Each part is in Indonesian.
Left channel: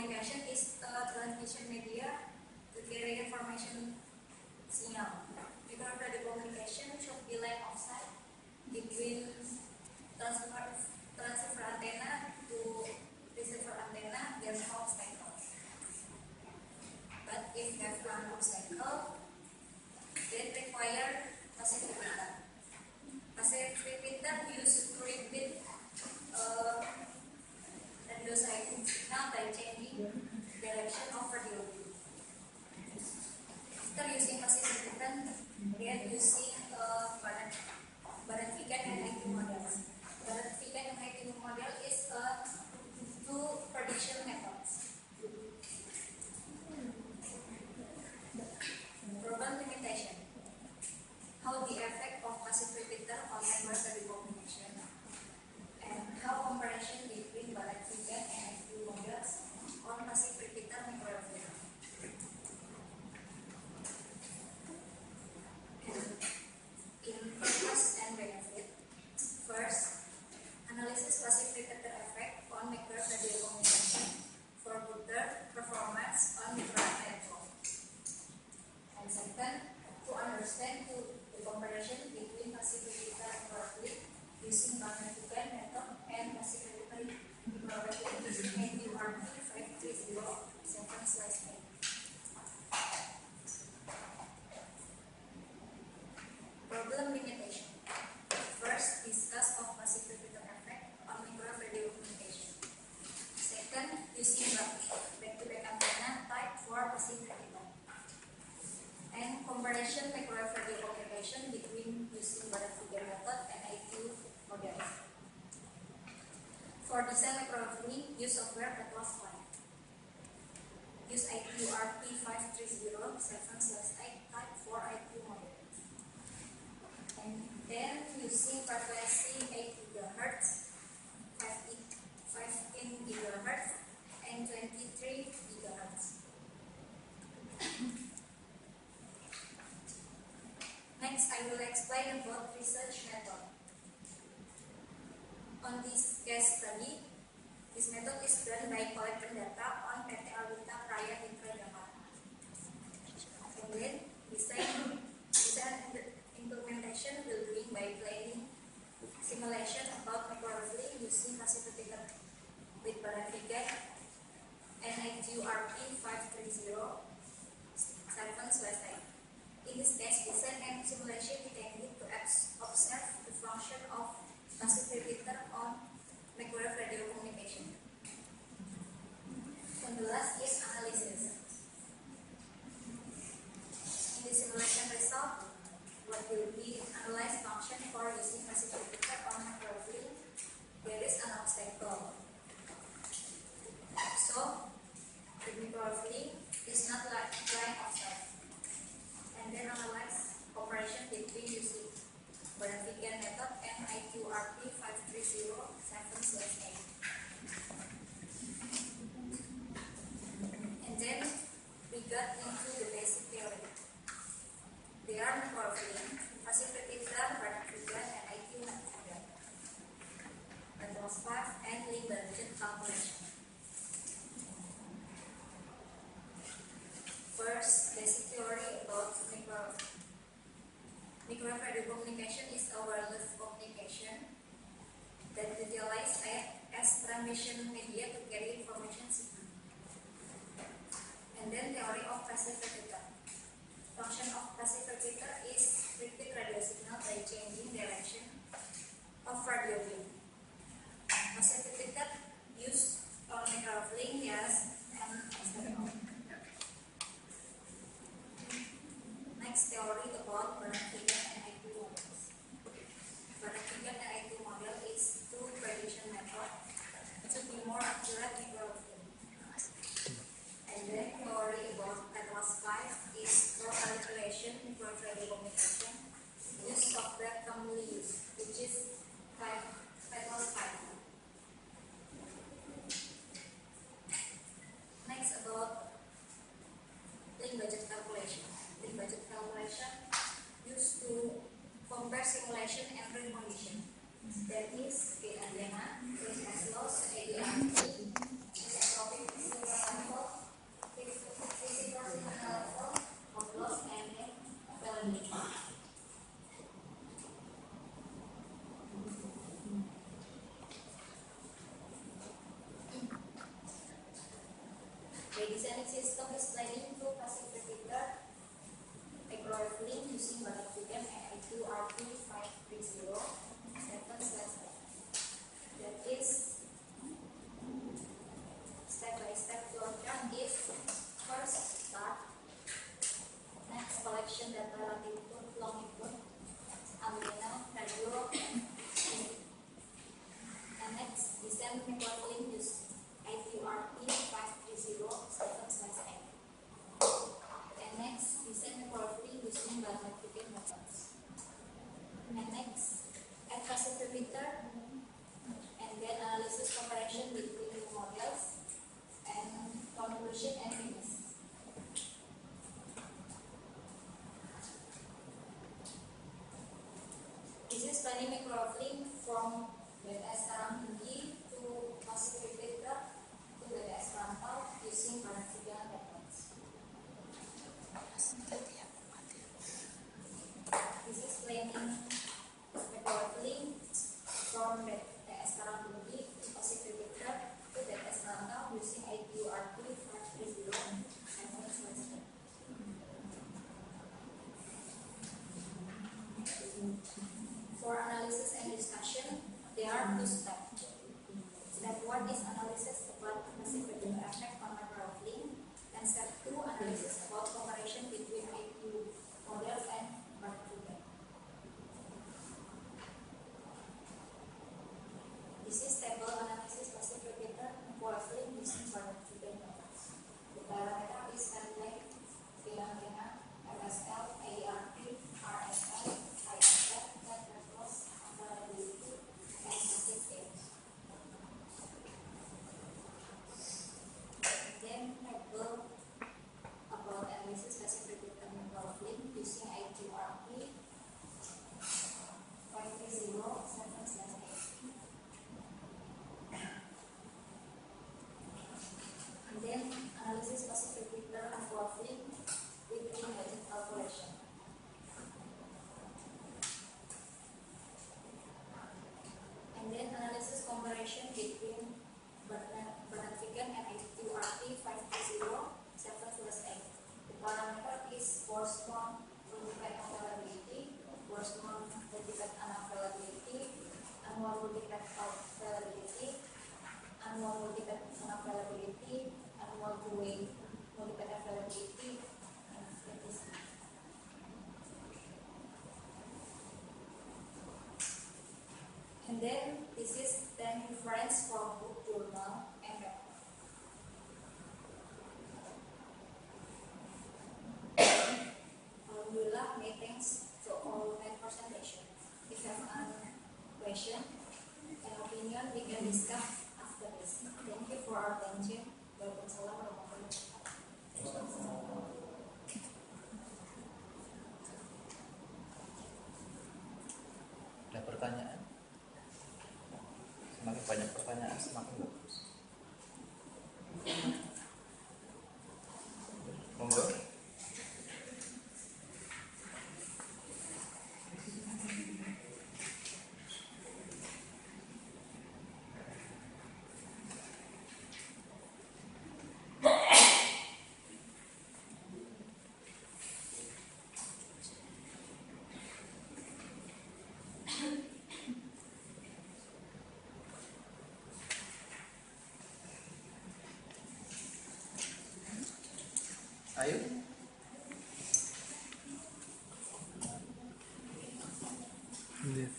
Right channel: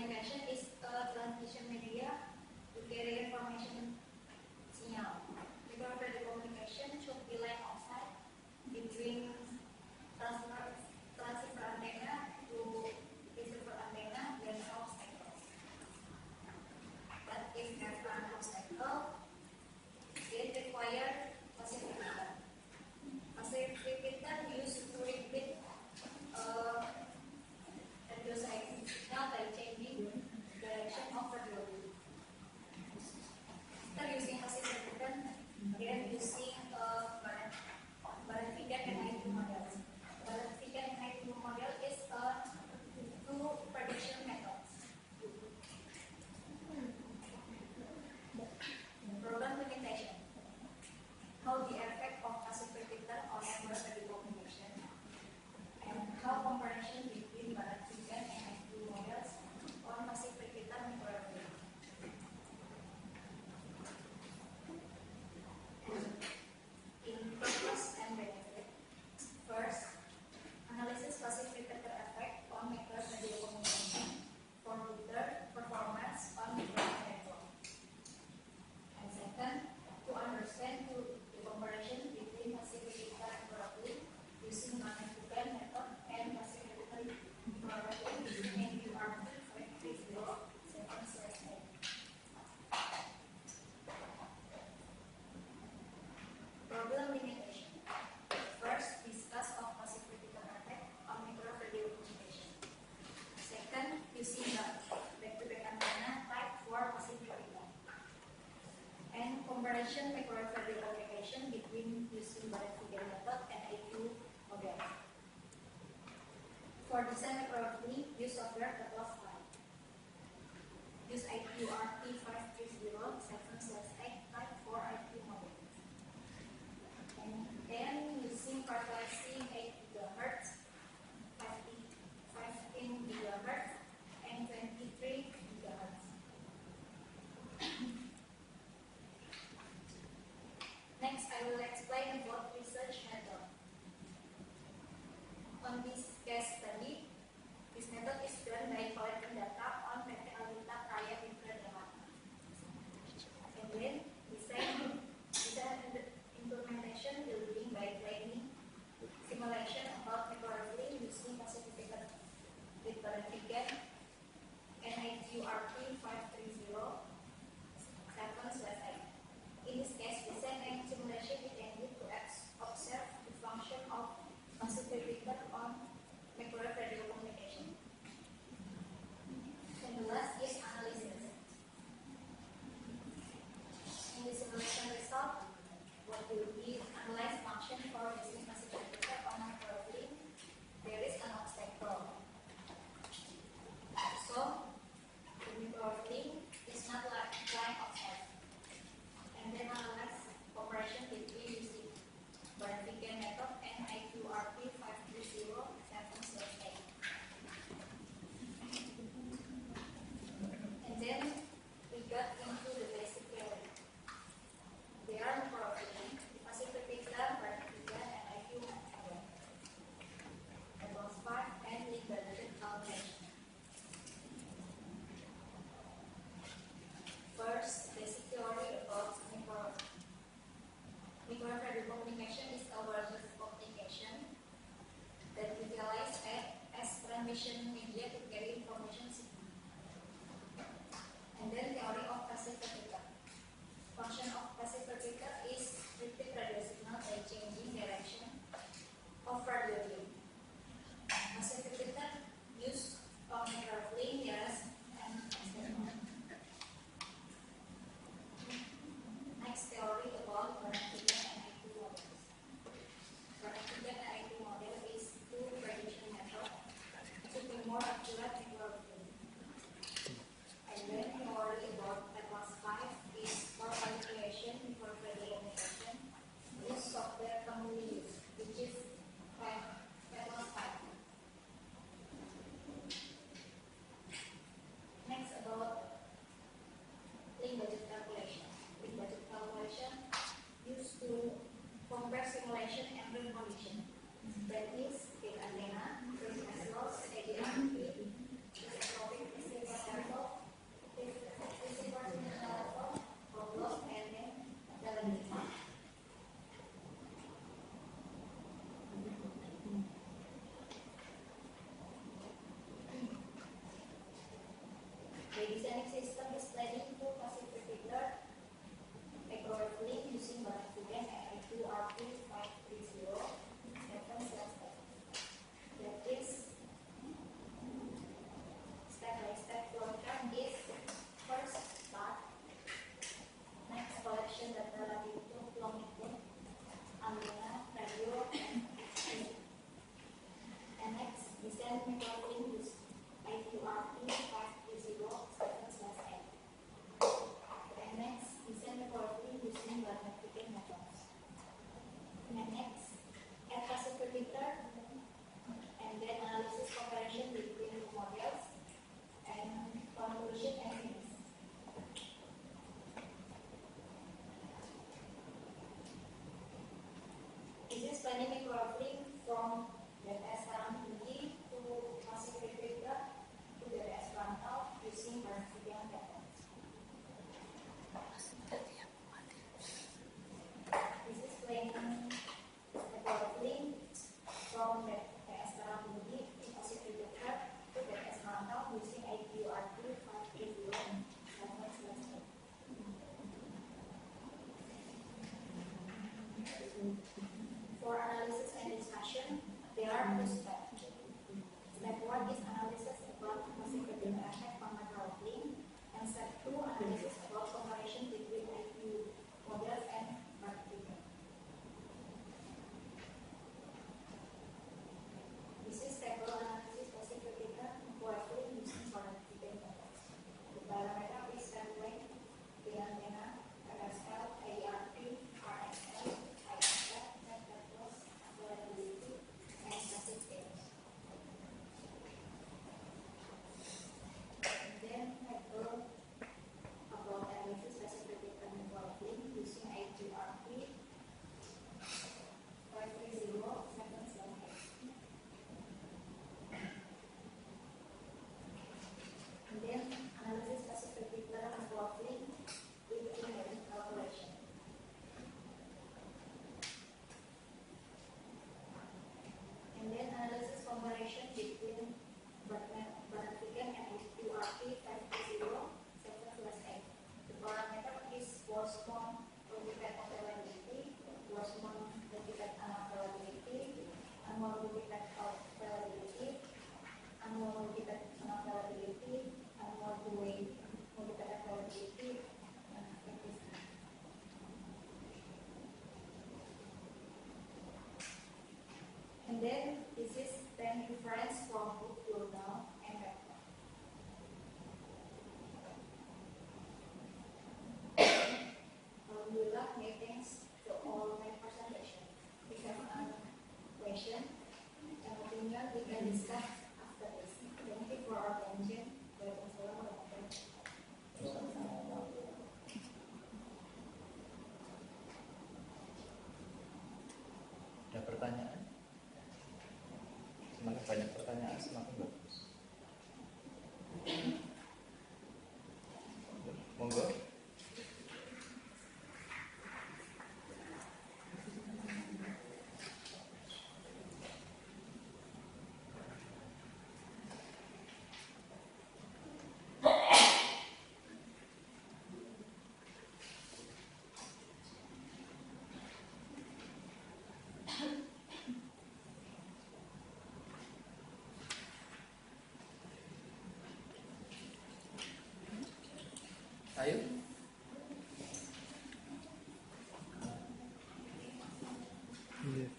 communication is a transmission media to carry information signal. Microwave radio communication should be line of sight between transceiver antenna to receiver antenna. There's no obstacle. But if you have an obstacle, it requires passive repeater. Passive repeater used to repeat radio signal by changing direction of radio. After using passive repeater, then using Baran Vigan and IQ models. Baran Vigan and IQ model is two prediction methods. Problem limitation. How the effect of passive repeater on microwave radio communication, and how comparison between Baran Vigan and IQ models on passive repeater microwave radio. In purpose and benefit, first, analysis passive repeater effect on microwave radio communication for better performance on microwave network. And second, to understand the comparison between passive repeater microwave using Baran Vigan method and passive repeater microwave using NURP 530/7/8. Problem limitation. First, discuss of passive repeater effect on microwave radio communication. Second, using back-to-back antenna type for passive repeater. And comparison microwave radio communication between using Baran Vigan method and IQ models. For design microwave link, use software Atlas 5. Use IQRP 530/7/8 type for IQ model. And then using frequency 8 GHz, 15 GHz, and 23 GHz. Next, I will explain about research method. On this case study, this method is done by collecting data on PT Alwita Praya Infra Jakarta. And then design and implementation will be by planning simulation about microwave link using passive repeater with Baran Vigan and IQRP 530/7/8. In this case, design and simulation intended to observe the function of passive repeater on microwave radio communication. And the last is analysis. In the simulation result, what will be analyzed function for using passive repeater on microwave link? There is an obstacle. So, the microwave link is not like line of sight. And then analyze operation between using Baran Vigan method and IQRP 530/7/8. And then we got into the basic theory. There are microwave link, passive repeater, Baran Vigan, and IQ model, Atlas 5, and link budget calculation. First, basic theory about microwave. Microwave radio communication is a wireless communication that utilizes as transmission media to carry information signal. And then theory of passive repeater. Function of passive repeater is repeat radio signal by changing direction of radio link. Passive repeater used on microwave link has an obstacle. Next theory about Baran Vigan and IQ models. Baran Vigan and IQ model is two prediction method to be more accurate microwave link. And then theory about Atlas 5 is for calculation microwave radio communication. Use software commonly used, which is Atlas 5. Next about link budget calculation. Link budget calculation used to compare simulation and real condition. That is, the antenna, the loss, ADMT, the The designing system is planning to passive repeater microwave using Banatvigan and IQRP530 7/8. That is step by step program is first start, next collection data latitude, longitude, antenna, radio, and next design microwave use IQRP530 7/8. And next design microwave using Banatvigan methods. And next add passive repeater, and then analysis comparison between the models, and conclusion and finish. This is planning microwave from BTS Karang Tinggi to passive repeater to BTS Rantau using Banatvigan methods. This is planning microwave from BTS Karang Tinggi to passive repeater to BTS Rantau using IQRP530 7/8. For analysis and discussion, there are two steps. Step 1 is analysis about passive repeater effect on microwave, and step 2 analysis about comparison between IQ models and Banatvigan. This is table analysis passive repeater microwave using Banatvigan methods. The parameter is template, antenna, MSL, ARP, RSL, ISF, net network, availability, and passive scales. Then table about analysis passive repeater microwave using IQRP 530 7/8. And then analysis passive repeater microwave with imaging calculation. And then analysis comparison between Banatvigan and IQRP530 7/8. The parameter is Boltzmann multiplied availability, Boltzmann multiplied unavailability, annual multiplied availability, annual multiplied unavailability, annual two-way multiplied availability, and etc. And then this is 10 reference from book, journal, and paper. Alhamdulillah, many thanks to all my presentation. If you have a question and opinion, we can discuss after this. Thank you for our attention. Waalaikumsalam warahmatullahi wabarakatuh. Ada pertanyaan? Semakin banyak pertanyaan semakin bagus. Monggo. Ayo. Yes.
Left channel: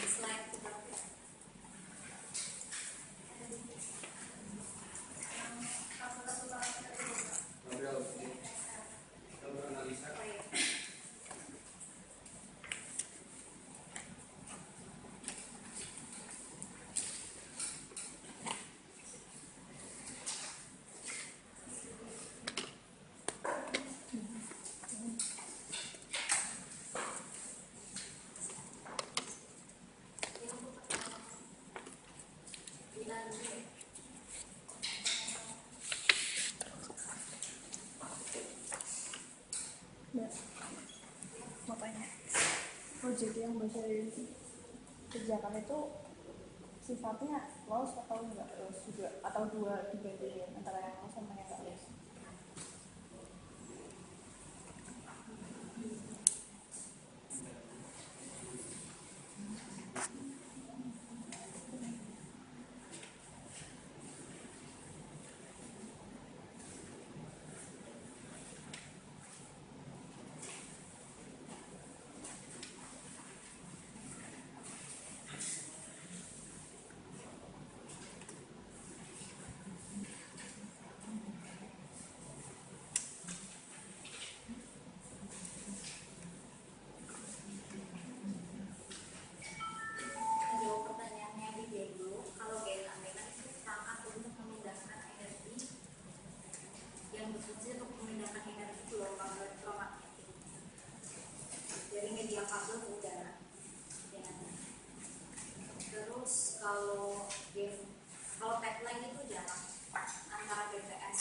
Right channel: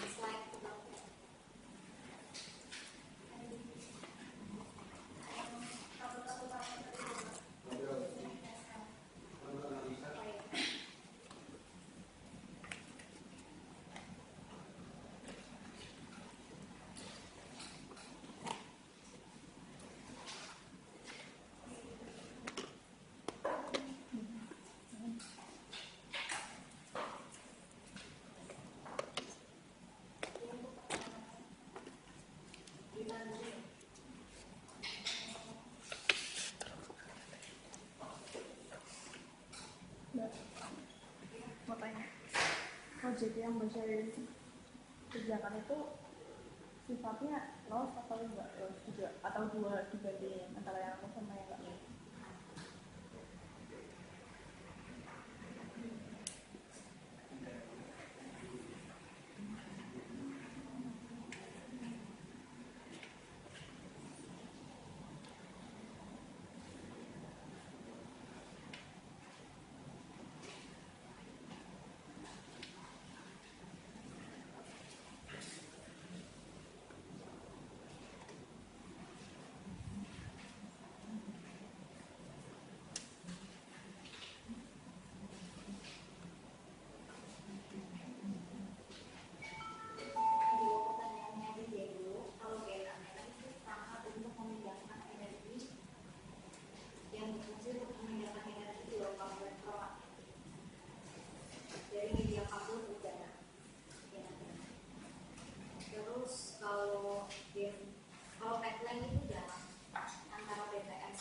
Slide yang bisa dikerjakan itu sifatnya loss atau enggak loss juga, atau dua dibandingin antara yang loss sama yang enggak loss? Menjawab pertanyaannya Widya dulu, kalau GNAMK itu perangkat untuk memindahkan energi yang berfungsi untuk memindahkan energi gelombang elektromagnetik dari media kabel ke udara. Ya. Terus kalau pipeline itu jarak antara BTS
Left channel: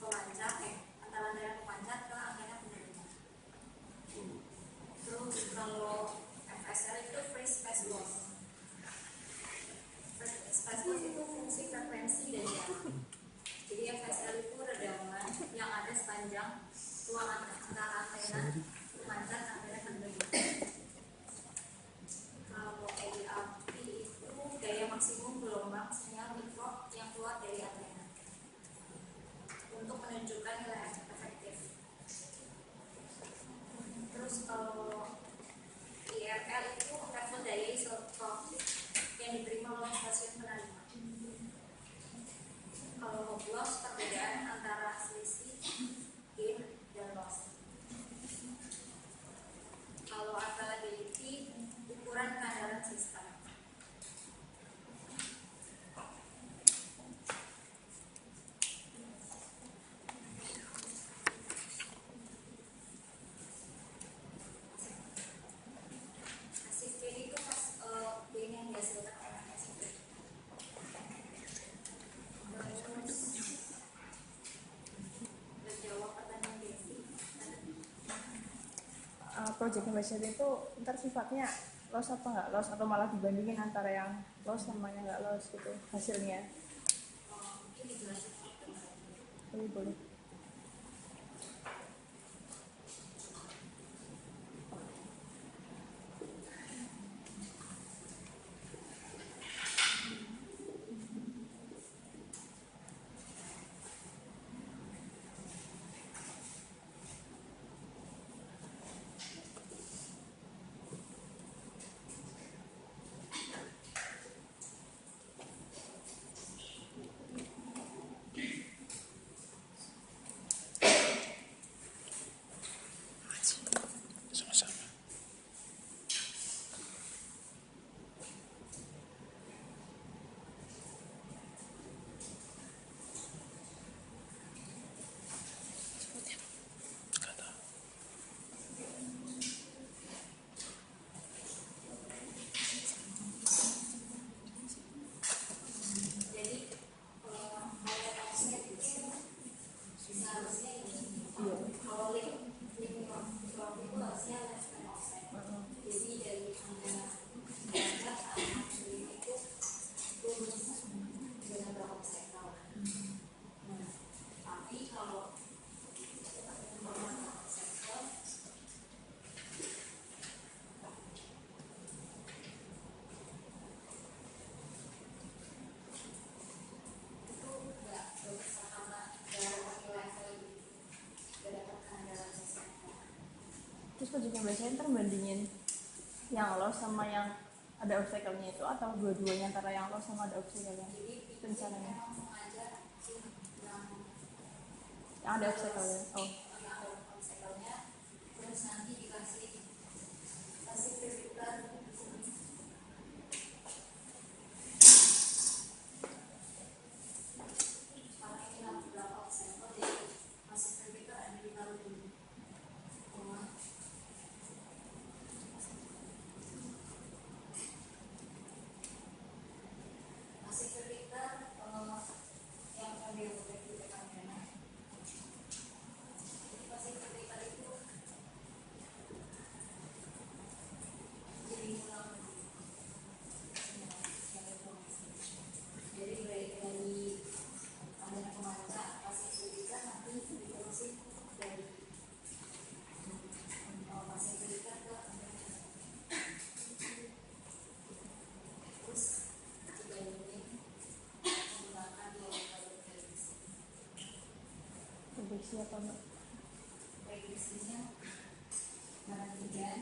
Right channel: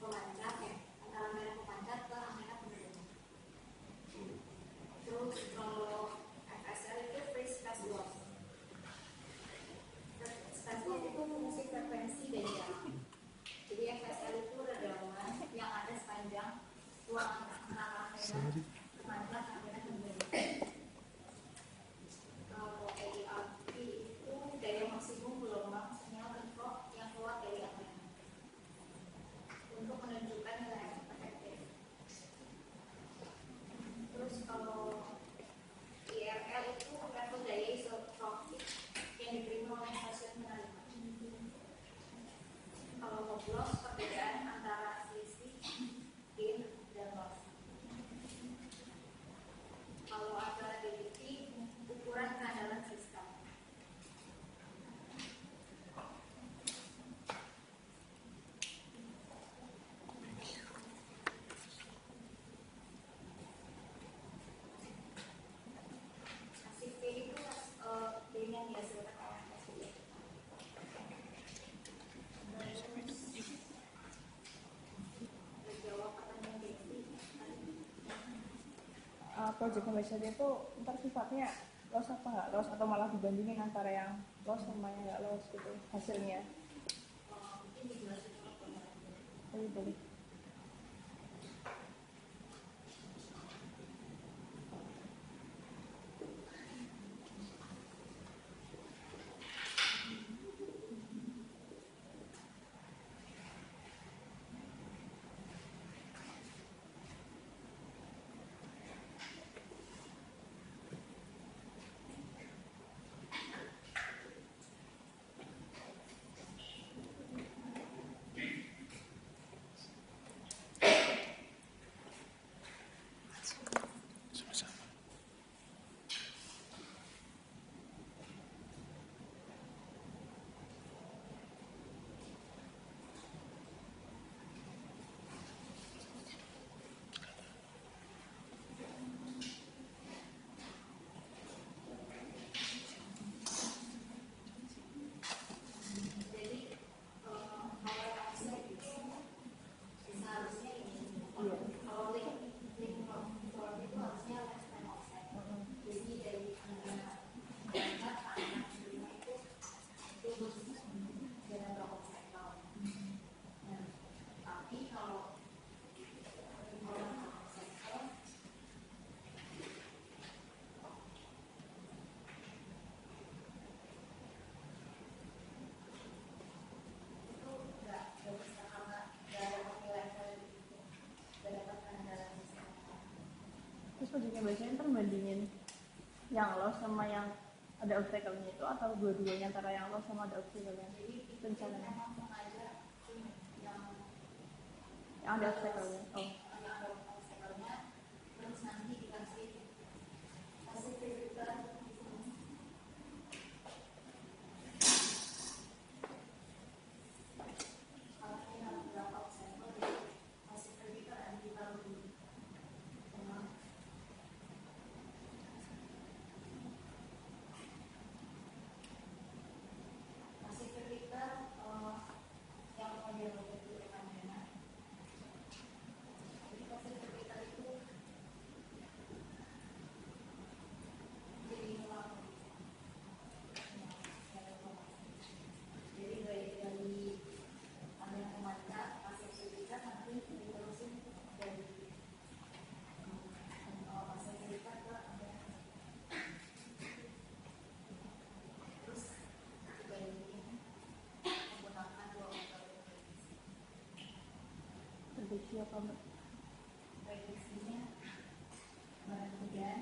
pemancar antara antena pemancar ke antena penerima. Terus kalau FSL itu free space loss. Space loss itu fungsi frekuensi dan jarak. Jadi FSL itu redaman yang ada sepanjang ruang antara antena pemancar dan antena penerima. Kalau ADRP itu daya maksimum gelombang sinyal mikro yang keluar dari antena untuk menunjukkan nilai efektif. Terus kalau IRL itu level daya isotropik yang diterima oleh stasiun penerima. Kalau Hop loss, perbedaan antara selisih gain dan loss. Kalau availability, ukuran keandalan sistem. Passive gain itu gain yang dihasilkan oleh passive. Terjawab pertanyaan Desi. Project investment itu ntar sifatnya loss apa nggak loss, atau malah dibandingin antara yang loss sama yang nggak loss gitu hasilnya? Mungkin dijelasin. Boleh. Sama-sama. Jadi kalau offset itu seharusnya ini. Kalau link short itu harusnya less than offset. Jadi dari angka berapa itu lulus dengan berapa cycle. Nah, tapi kalau orang cycle itu nggak bisa karena nggak dapat nilai value, nggak dapat keandalan sistem. Terus project investment ntar bandingin yang loss sama yang ada obstacle-nya itu, atau dua-duanya antara yang loss sama ada obstacle-nya? Jadi itu Rencananya memang sengaja yang ada obstacle-nya. Oh. yang ada obstacle-nya, terus nanti dikasih filter di sini. Karena ini ada beberapa obstacle, jadi masih filter ada ditaruh dulu. Masih filter prediksi atau enggak? Prediksinya mudah-mudahan